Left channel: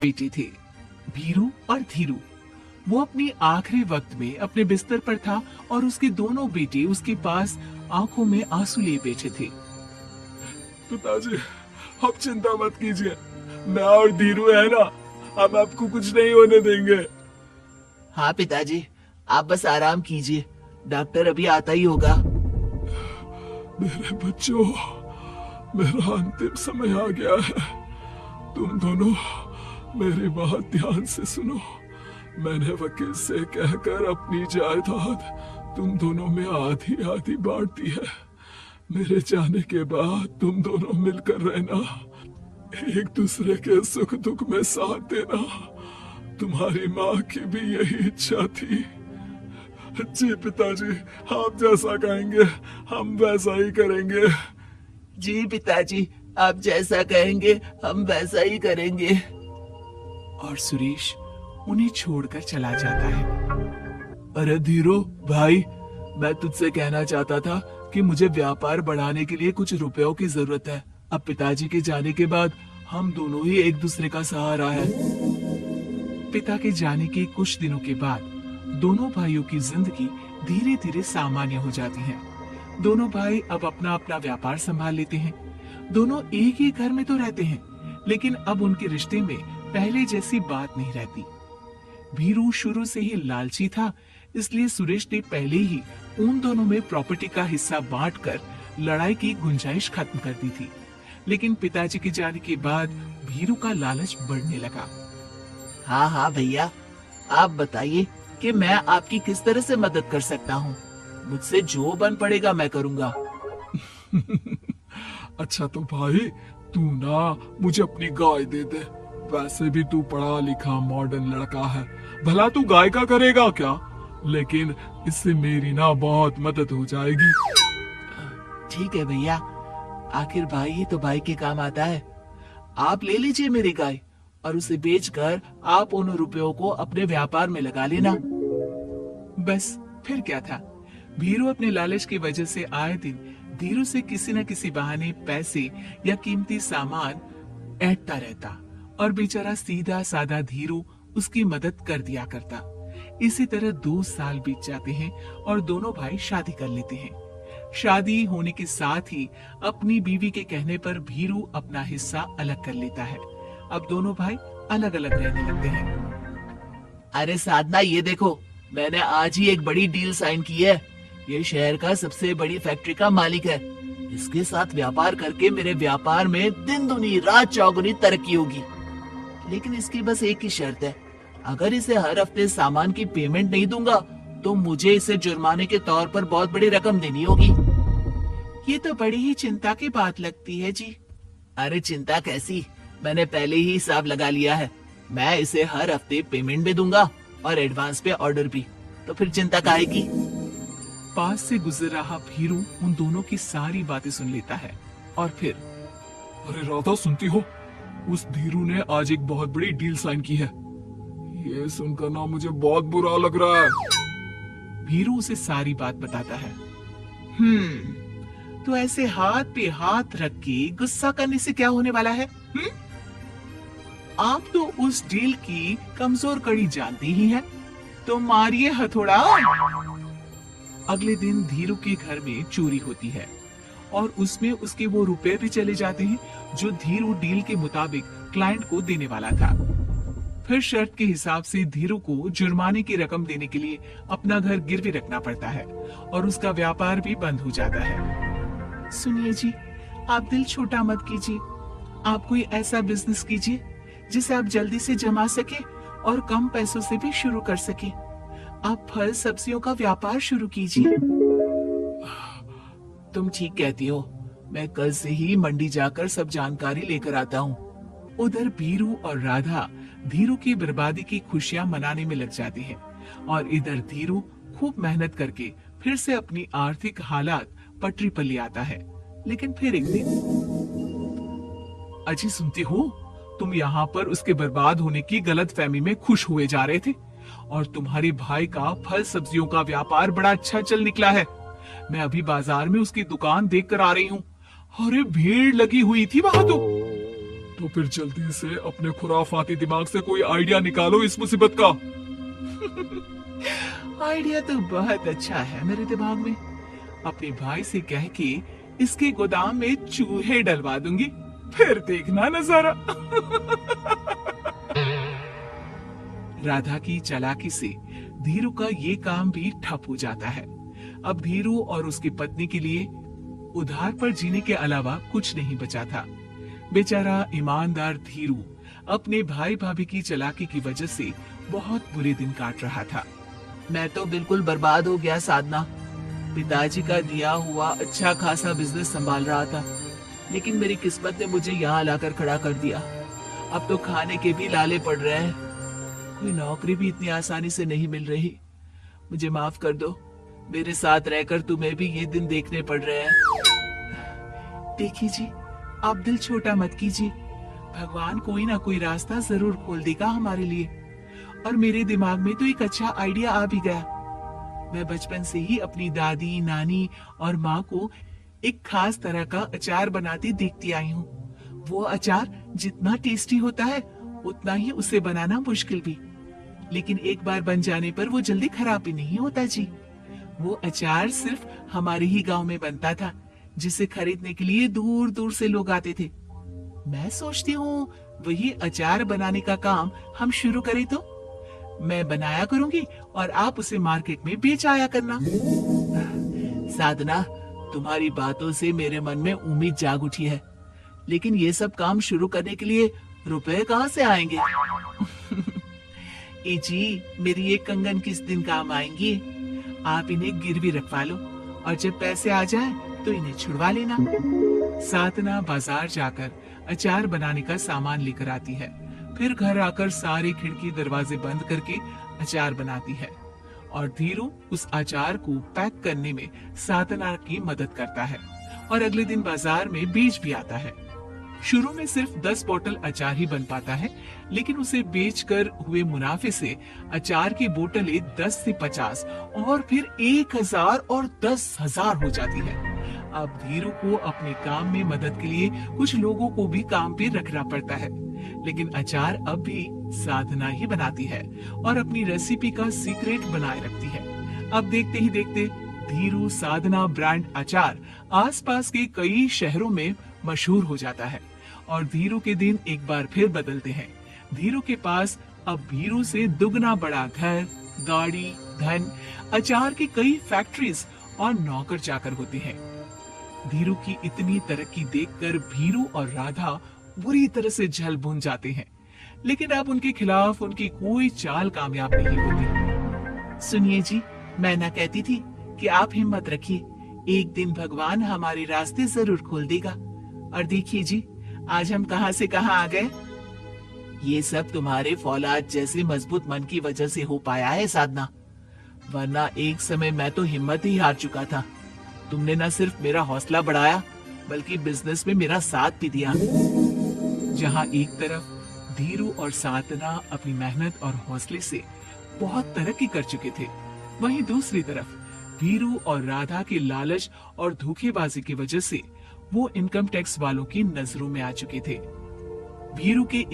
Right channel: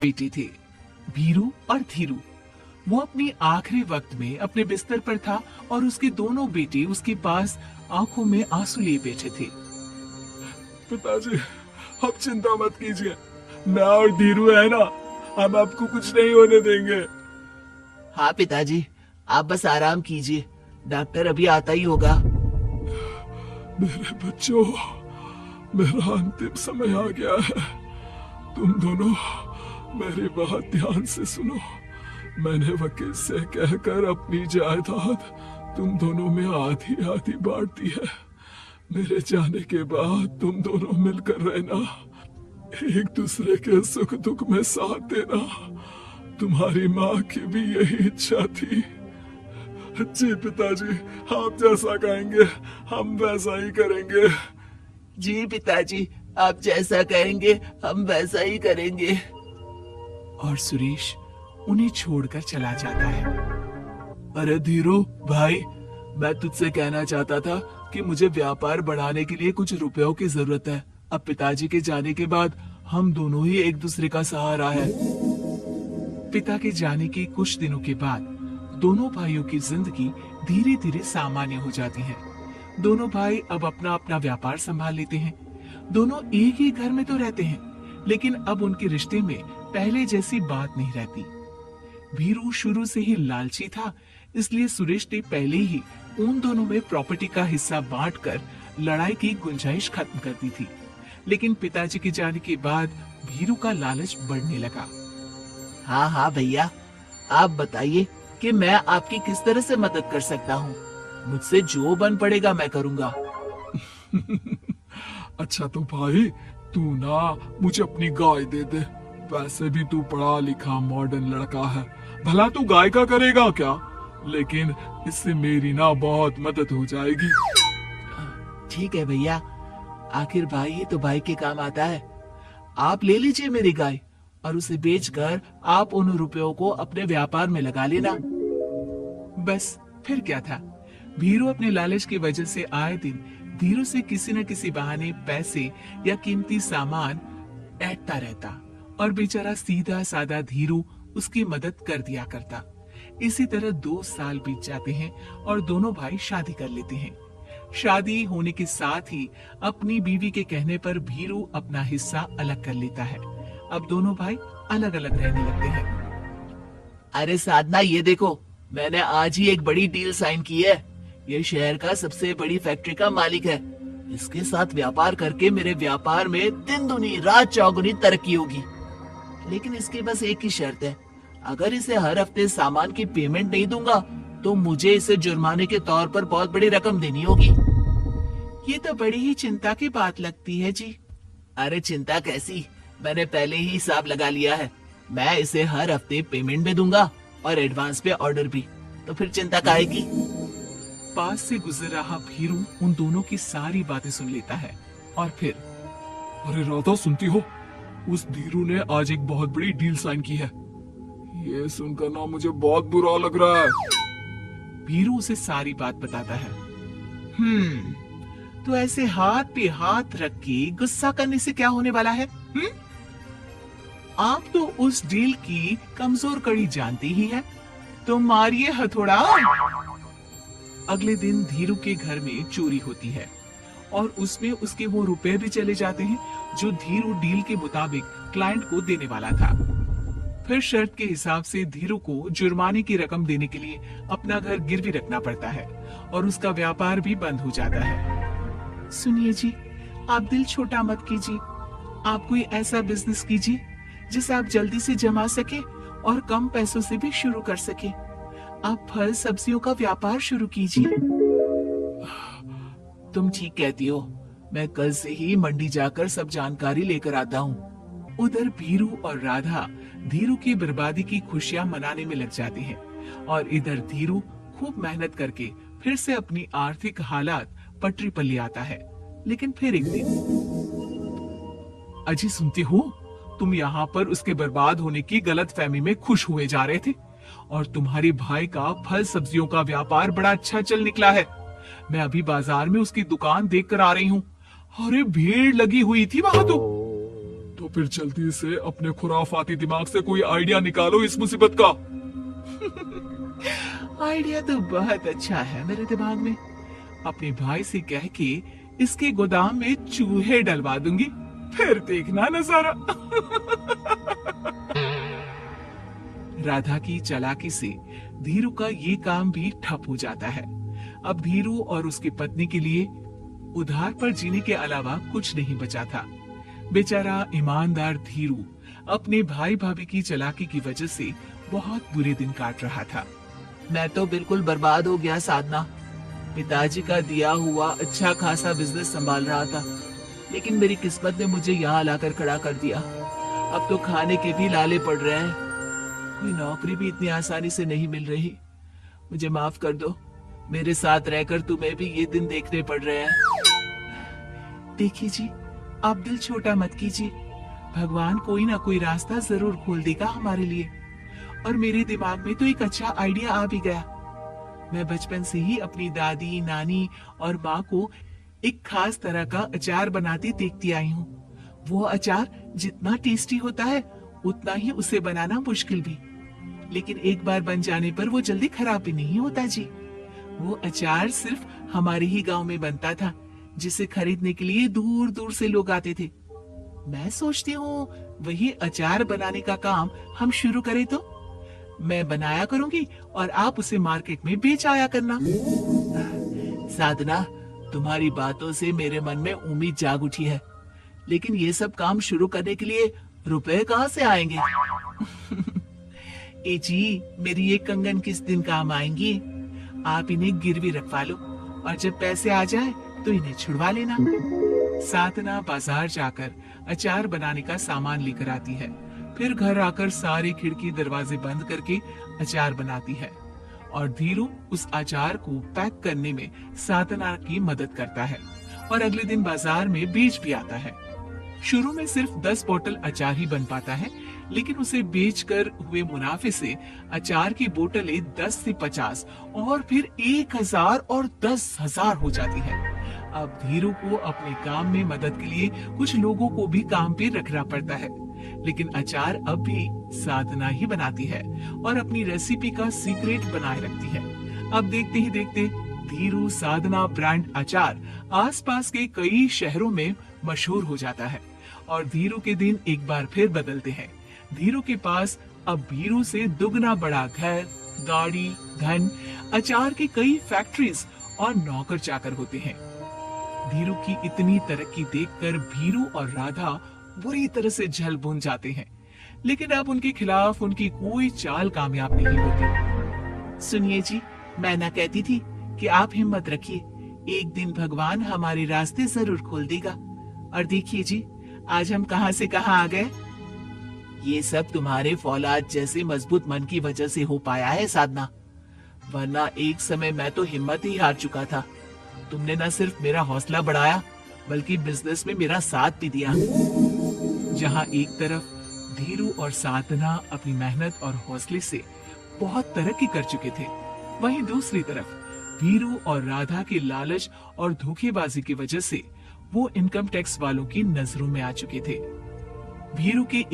बेटे थे, भीरू और धीरू। वो अपने आखिरी वक्त में अपने बिस्तर पर था और उसके दोनों बेटे उसके पास आंखों में आंसू लिए बैठे थे। पिताजी, आप चिंता मत कीजिए, मैं और धीरू है ना, हम आपको कुछ नहीं होने देंगे। हाँ पिताजी, आप बस आराम कीजिए, डॉक्टर अभी आता ही होगा। मेरे बच्चों, मेरा अंतिम समय आ गया है। तुम दोनों मेरी बात ध्यान से सुनो। मैंने वकील से कहकर अपनी जायदाद तुम दोनों में आधी आधी बांट दी है। मेरे जाने के बाद तुम दोनों मिलकर रहना, एक दूसरे के सुख दुख में साथ देना। तुम्हारी माँ की भी यही इच्छा थी। जी पिताजी, आप जैसा कहेंगे हम वैसा ही करेंगे। जी पिताजी, आप जैसा कहेंगे हम वैसा ही करेंगे। और सुरेश उन्हें छोड़कर चला जाता है। अरे धीरू भाई, मैं तुझसे कहना चाहता था कि मुझे व्यापार बढ़ाने के लिए कुछ रुपयों की जरूरत है। अब पिताजी के जाने के बाद हम दोनों ही एक दूसरे का सहारा है। पिता के जाने के कुछ दिनों के बाद दोनों भाइयों की जिंदगी धीरे धीरे सामान्य हो जाती है। दोनों भाई अब अपना अपना व्यापार संभाल लेते हैं। दोनों एक ही घर में तो रहते हैं, लेकिन अब उनके रिश्ते में पहले जैसी बात नहीं रहती। भीरू शुरू से ही लालची था, इसलिए सुरेश ने पहले ही उन दोनों में प्रॉपर्टी का हिस्सा बांटकर लड़ाई की गुंजाइश खत्म कर दी थी। लेकिन पिताजी के जाने के बाद भीरू का लालच बढ़ने लगा। हाँ हाँ भैया, आप बताइए कि मैं आपकी किस तरह से मदद कर सकता हूँ। मुझसे जो बन पड़ेगा मैं करूँगा। अच्छा तो भाई, तू ना मुझे अपनी गाय दे दे। वैसे भी तू पढ़ा लिखा मॉडर्न लड़का है, भला तू गाय का करेगा क्या? लेकिन इससे मेरी ना बहुत मदद हो जाएगी। ठीक है भैया, आखिर भाई ही तो भाई के काम आता है। आप ले लीजिए मेरी गाय और उसे बेचकर आप उन रुपयों को अपने व्यापार में लगा लेना। बस फिर क्या था, भीरू अपने लालच की वजह से आए दिन धीरू से किसी न किसी बहाने पैसे या कीमती सामान ऐंठता रहता और बेचारा सीधा साधा धीरू उसकी मदद कर दिया करता। इसी तरह 2 साल बीत जाते हैं और दोनों भाई शादी कर लेते हैं। शादी होने के साथ ही अपनी बीवी के कहने पर भीरू अपना हिस्सा अलग कर लेता है। अब दोनों भाई अलग अलग रहने लगते हैं। अरे साधना, ये देखो, मैंने आज ही एक बड़ी डील साइन की है। ये शहर का सबसे बड़ी फैक्ट्री का मालिक है। इसके साथ व्यापार करके मेरे व्यापार में दिन दुनी रात चौगुनी तरक्की होगी। लेकिन इसकी बस एक ही शर्त है, अगर इसे हर हफ्ते सामान की पेमेंट नहीं दूंगा तो मुझे इसे जुर्माने के तौर पर बहुत बड़ी रकम देनी होगी। ये तो बड़ी ही चिंता की बात लगती है जी। अरे चिंता कैसी, मैंने पहले ही हिसाब लगा लिया है। मैं इसे हर हफ्ते पेमेंट भी दूंगा और एडवांस पे ऑर्डर भी, तो फिर चिंता काहेगी। पास से गुजर रहा भीरू उन दोनों की सारी बातें सुन लेता है और फिर, अरे राधा, सुनती हो? उस धीरू ने आज एक बहुत बड़ी डील साइन की है। ये सुनकर ना मुझे बहुत बुरा लग रहा है। भीरू उसे सारी बात बताता है। तो ऐसे हाथ पे हाथ रख के गुस्सा करने से क्या होने वाला है? आप तो उस डील की कमजोर कड़ी जानते ही हैं, तो मारिए हथौड़ा। अगले दिन धीरू के घर में चोरी होती है और उसमें उसके वो रुपए भी चले जाते हैं जो धीरू डील के मुताबिक क्लाइंट को देने वाला था। फिर शर्त के हिसाब से धीरू को जुर्माने की रकम देने के लिए अपना घर गिरवी रखना पड़ता है और उसका व्यापार भी बंद हो जाता है। सुनिए जी, आप दिल छोटा मत कीजिए। आप कोई ऐसा बिजनेस कीजिए जिसे आप जल्दी से जमा सके और कम पैसों से भी शुरू कर सके। आप फल सब्जियों का व्यापार शुरू कीजिए। तुम ठीक कहती हो, मैं कल से ही मंडी जाकर सब जानकारी लेकर आता हूँ। उधर बीरू और राधा धीरू की बर्बादी की खुशियां मनाने में लग जाती हैं और इधर धीरू खूब मेहनत करके फिर से अपनी आर्थिक हालात पटरी पर ले आता है। लेकिन फिर एक दिन, अजय सुनती हो, तुम यहाँ पर उसके बर्बाद होने की गलत फहमी में खुश हुए जा रहे थे और तुम्हारे भाई का फल सब्जियों का व्यापार बड़ा अच्छा चल निकला है। मैं अभी बाजार में उसकी दुकान देख कर आ रही हूँ। अरे भीड़ लगी हुई थी वहां तो तो फिर जल्दी से अपने खुराफाती दिमाग से कोई आइडिया निकालो इस मुसीबत का। आइडिया तो बहुत अच्छा है मेरे दिमाग में। अपने भाई से कह के इसके गोदाम में चूहे डलवा दूंगी, फिर देखना नजारा। राधा की चालाकी से धीरू का ये काम भी ठप हो जाता है। अब धीरू और उसकी पत्नी के लिए उधार पर जीने के अलावा कुछ नहीं बचा था। बेचारा ईमानदार धीरू अपने भाई भाभी की चालाकी की वजह से बहुत बुरे दिन काट रहा था। मैं तो बिल्कुल बर्बाद हो गया साधना। पिताजी का दिया हुआ अच्छा खासा बिजनेस संभाल रहा था, लेकिन मेरी किस्मत ने मुझे यहाँ लाकर खड़ा कर दिया। अब तो खाने के भी लाले पड़ रहे हैं। कोई नौकरी भी इतनी आसानी से नहीं मिल रही। मुझे माफ कर दो, मेरे साथ रहकर तुम्हें भी ये दिन देखने पड़ रहे हैं। देखिए जी, आप दिल छोटा मत कीजिए। भगवान कोई ना कोई रास्ता जरूर खोल देगा हमारे लिए। और मेरे दिमाग में तो एक अच्छा आइडिया आ भी गया। मैं बचपन से ही अपनी दादी, नानी और माँ को एक खास तरह का अचार बनाती देखती आई हूँ। वो अचार जितना टेस्टी होता है उतना ही उसे बनाना मुश्किल भी, लेकिन एक बार बन जाने पर वो जल्दी खराब भी नहीं होता जी। वो अचार सिर्फ हमारे ही गांव में बनता था, जिसे खरीदने के लिए दूर दूर से लोग आते थे। मैं सोचती हूँ वही अचार बनाने का काम हम शुरू करें तो। मैं बनाया करूंगी और आप उसे मार्केट में बेच आया करना। साधना, तुम्हारी बातों से मेरे मन में उम्मीद जाग उठी है, लेकिन ये सब काम शुरू करने के लिए रुपए कहाँ से आएंगे? ए जी, मेरी ये कंगन किस दिन काम आएंगी? आप इन्हें गिरवी रखवा लो और जब पैसे आ जाए तो इन्हें छुड़वा लेना। साधना बाजार जाकर अचार बनाने का सामान लेकर आती है, फिर घर आकर सारे खिड़की दरवाजे बंद करके अचार बनाती है और धीरू उस अचार को पैक करने में साधना की मदद करता है और अगले दिन बाजार में बीज भी आता है। शुरू में सिर्फ 10 बोतल अचार ही बन पाता है, लेकिन उसे बेचकर हुए मुनाफे से अचार की बोतलें 10 से 50 और फिर 1000 और 10,000 हो जाती है। अब धीरू को अपने काम में मदद के लिए कुछ लोगों को भी काम पे रखना पड़ता है, लेकिन अचार अब भी साधना ही बनाती है और अपनी रेसिपी का सीक्रेट बनाए रखती है। अब देखते ही देखते धीरू साधना ब्रांड अचार आसपास के कई शहरों में मशहूर हो जाता है और धीरू के दिन एक बार फिर बदलते हैं। धीरू के पास अब धीरू से दुगना बड़ा घर, गाड़ी, धन, अचार की कई फैक्ट्रीज और नौकर चाकर होते हैं। धीरू की इतनी तरक्की देखकर भीरू और राधा बुरी तरह से जल भुन जाते हैं, लेकिन अब उनके खिलाफ उनकी कोई चाल कामयाब नहीं होती। सुनिए जी, मैं ना कहती थी कि आप हिम्मत रखिए, एक दिन भगवान हमारे रास्ते जरूर खोल देगा। और देखिए जी, आज हम कहां से कहां आ गए। ये सब तुम्हारे फौलाद जैसे मजबूत मन की वजह से हो पाया है साधना, वरना एक समय मैं तो हिम्मत ही हार चुका था। तुमने न सिर्फ मेरा हौसला बढ़ाया, बल्कि बिजनेस में मेरा साथ भी दिया। जहां एक तरफ धीरू और साधना अपनी मेहनत और हौसले से बहुत तरक्की कर चुके थे, वहीं दूसरी तरफ धीरू और राधा के लालच और धोखेबाजी की वजह से वो इनकम टैक्स वालों की नजरों में आ चुके थे। धीरू के